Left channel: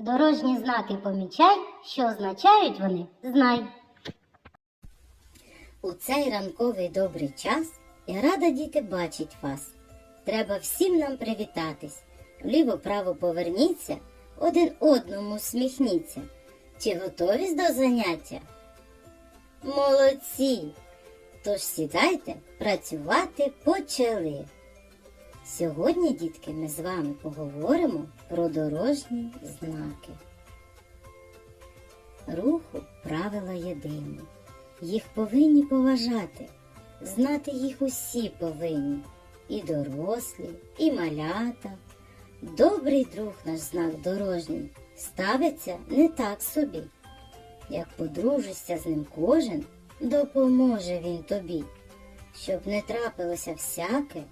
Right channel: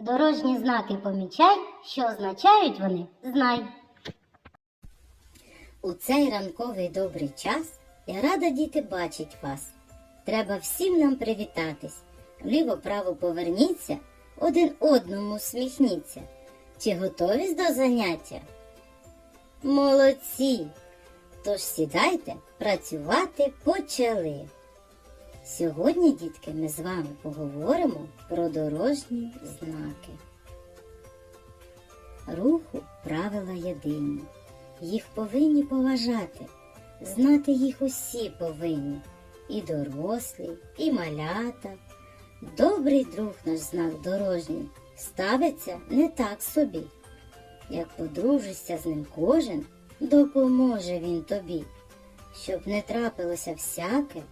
Дорожні знаки помічай, що означають вони, знай. У цей ранковий добрий час я рада діти бачить вас. Треба всім нам привітатись. Вліво-право поверніться, один одному всміхніться. Чи готові до заняття? Молодці! Тож сідайте, працювати почали. Сьогодні, дітки, ми з вами поговоримо про дорожні знаки. Руху правила єдині. Їх повинні поважати. Знати їх усі повинні. І дорослі, і малята. Добрий друг наш знак дорожній ставиться не так собі. Як подружишся з ним кожен, допоможе він тобі. Щоб не трапилося всяке,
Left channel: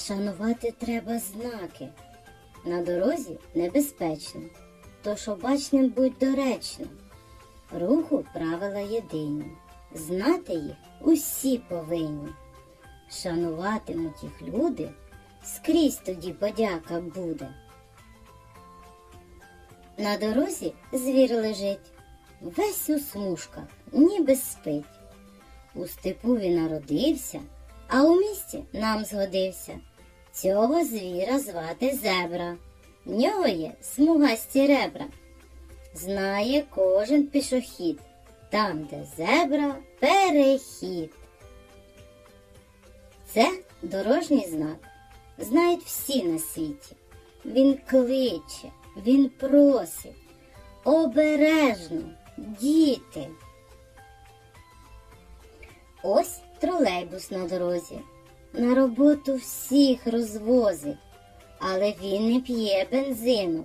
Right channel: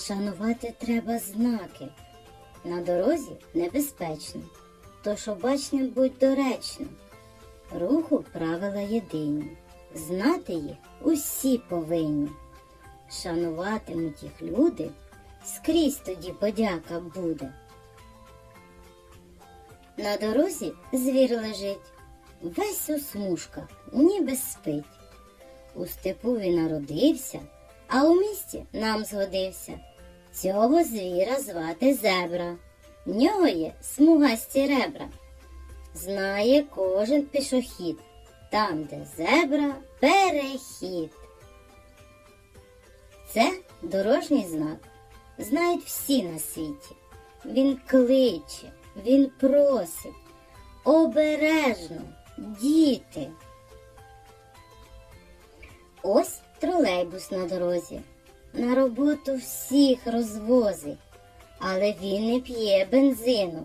шанувати треба знаки. На дорозі небезпечно, тож обачним будь доречно. Руху правила єдині, знати їх усі повинні. Шануватимуть їх люди, скрізь тоді подяка буде. На дорозі звір лежить, весь у смужках, ніби спить. У степу він народився, а у місті нам згодився. Цього звіра звати зебра. В нього є смугасті ребра. Знає кожен пішохід, там, де зебра, перехід. Це дорожній знак. Знають всі на світі. Він кличе, він просить. Обережно, діти. Ось тролейбус на дорозі. На роботу всіх розвозить, але він не п'є бензину,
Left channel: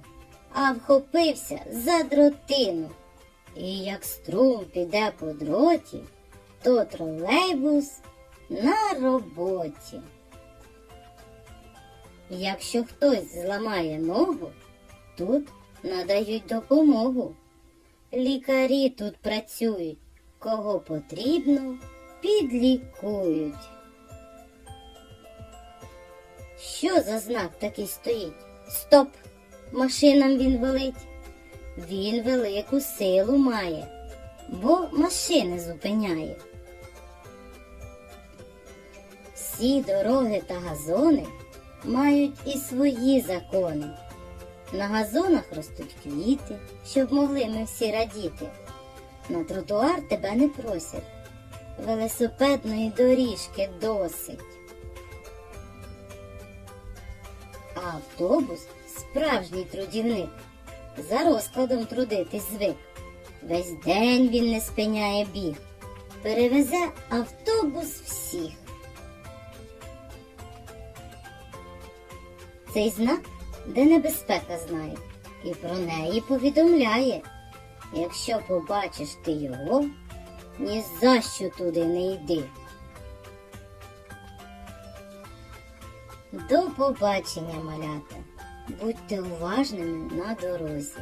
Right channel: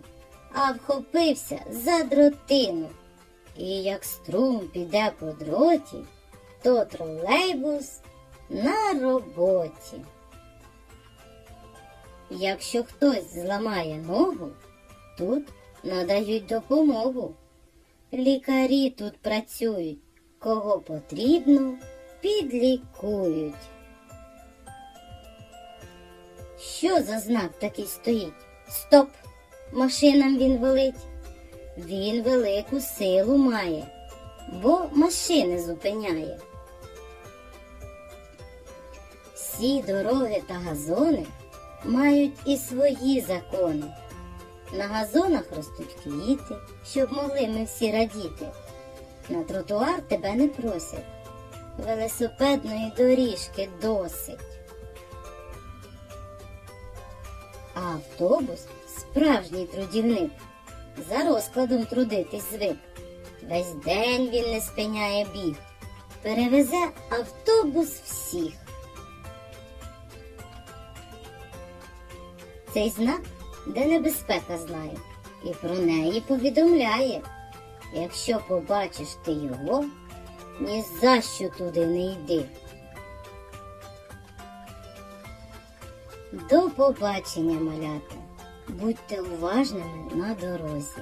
а вхопився за дротину. І як струм піде по дроті, то тролейбус на роботі. Якщо хтось зламає ногу, тут надають допомогу. Лікарі тут працюють, кого потрібно, підлікують. Що за знак такий стоїть? Стоп! Машинам він велить. Він велику силу має, бо машини зупиняє. Всі дороги та газони мають і свої закони. На газонах ростуть квіти, щоб могли ми всі радіти. На тротуар тебе не просять, велосипедної доріжки досить. А автобус справжній трудівник. За розкладом трудитись звик. Весь день він не спиняє біг. Перевезе автобус всіх. Цей знак, де небезпека знає, і про неї повідомляє. Якщо побачиш ти його, ні за що туди не йди. До побачення, малята. Будьте уважними на дорозі.